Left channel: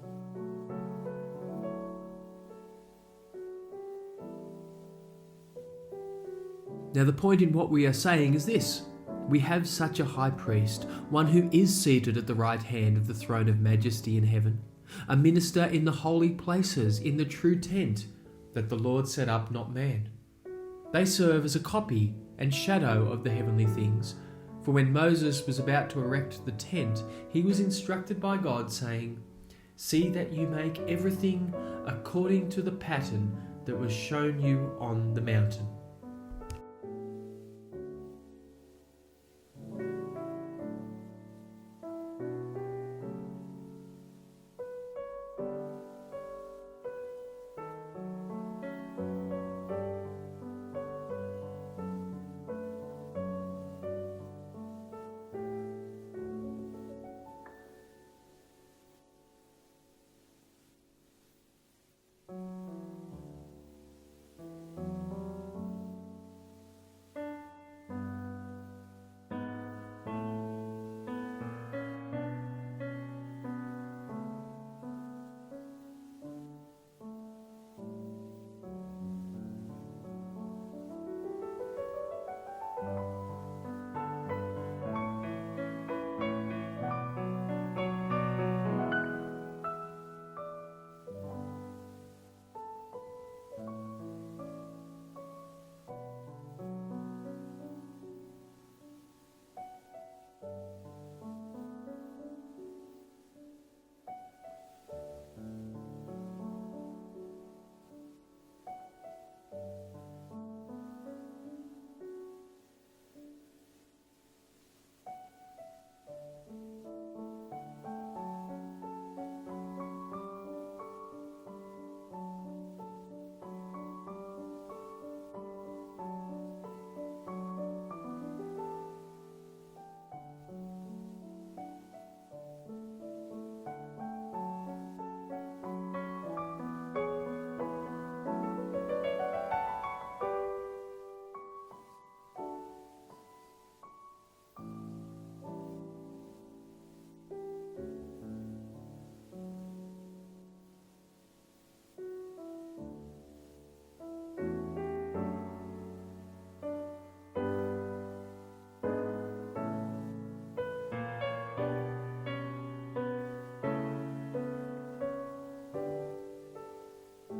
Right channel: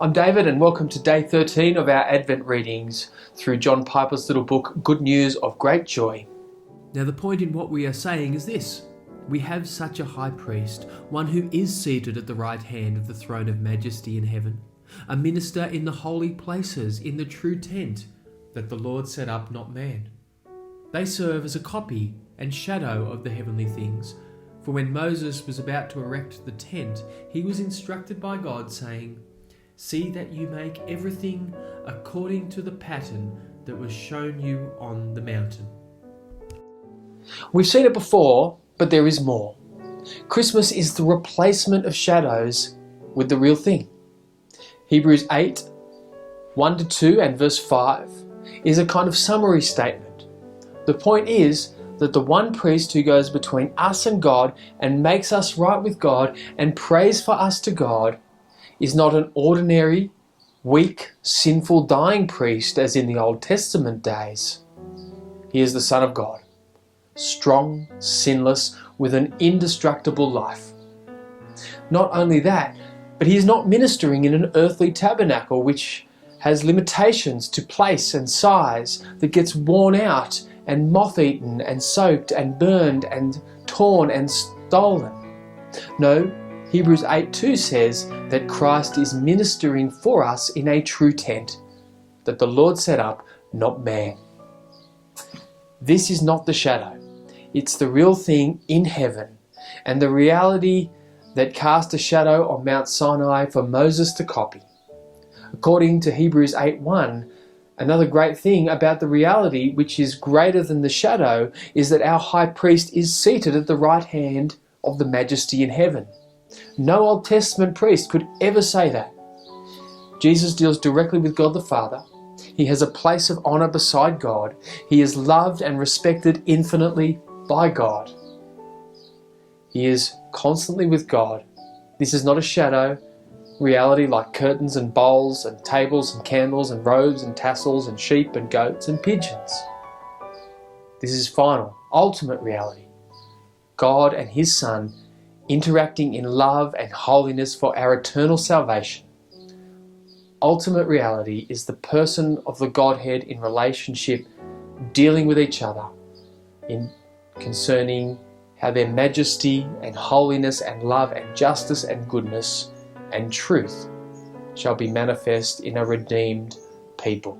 I'm David and welcome to day 13 of our Advent readings through John Piper's little book, Good News of Great Joy. Now the point in what we are saying is this: we have such a high priest, one who is seated at the right hand of the throne of majesty in heaven, a minister in the holy places, in the true tent that the Lord set up, not man. They serve as a copy and shadow of the heavenly things. For when Moses was about to erect the tent, he was instructed by God, saying, "See that you make everything according to the pattern that was shown you on the mountain." We've seen it before, but there is more. Christmas is the replacement of shadows with the real thing. Hebrews 8, 1-2 and verse 5 is a kind of summary statement. The point is that the one priest who goes between us and God and makes us right with God and prays for us to God is not an ordinary, weak, sinful, dying priest as in the Old Testament days. He is the Son of God, strong, sinless, with an indestructible life. Not only that, but he is not ministering in an earthly tabernacle which has limitations to place and size, that gets worn out and moth-eaten and soaked and burned and torn and stolen. No, Hebrews 8:2 says that Christ is ministering for us in a true tent that the Lord set up, not man. This is not the shadow. It's the real thing in heaven, and the reality that cast a shadow on Mount Sinai for Moses to copy. According to Hebrews 8:1, another great thing about the reality, which is greater than the shadow, is that our high priest is seated at the right hand of the majesty in heaven. No Old Testament priest could ever say that. Jesus deals directly with God the Father. He has a place of honor beside God. He is loved and respected infinitely by God. He is constantly with God. This is not a shadow reality like curtains and bowls and tables and candles and robes and tassels and sheep and goats and pigeons. This is final, ultimate reality. God and His Son interacting in love and holiness for our eternal salvation. Ultimate reality is the person of the Godhead in relationship, dealing with each other in concerning how their majesty and holiness and love and justice and goodness and truth shall be manifest in a redeemed people.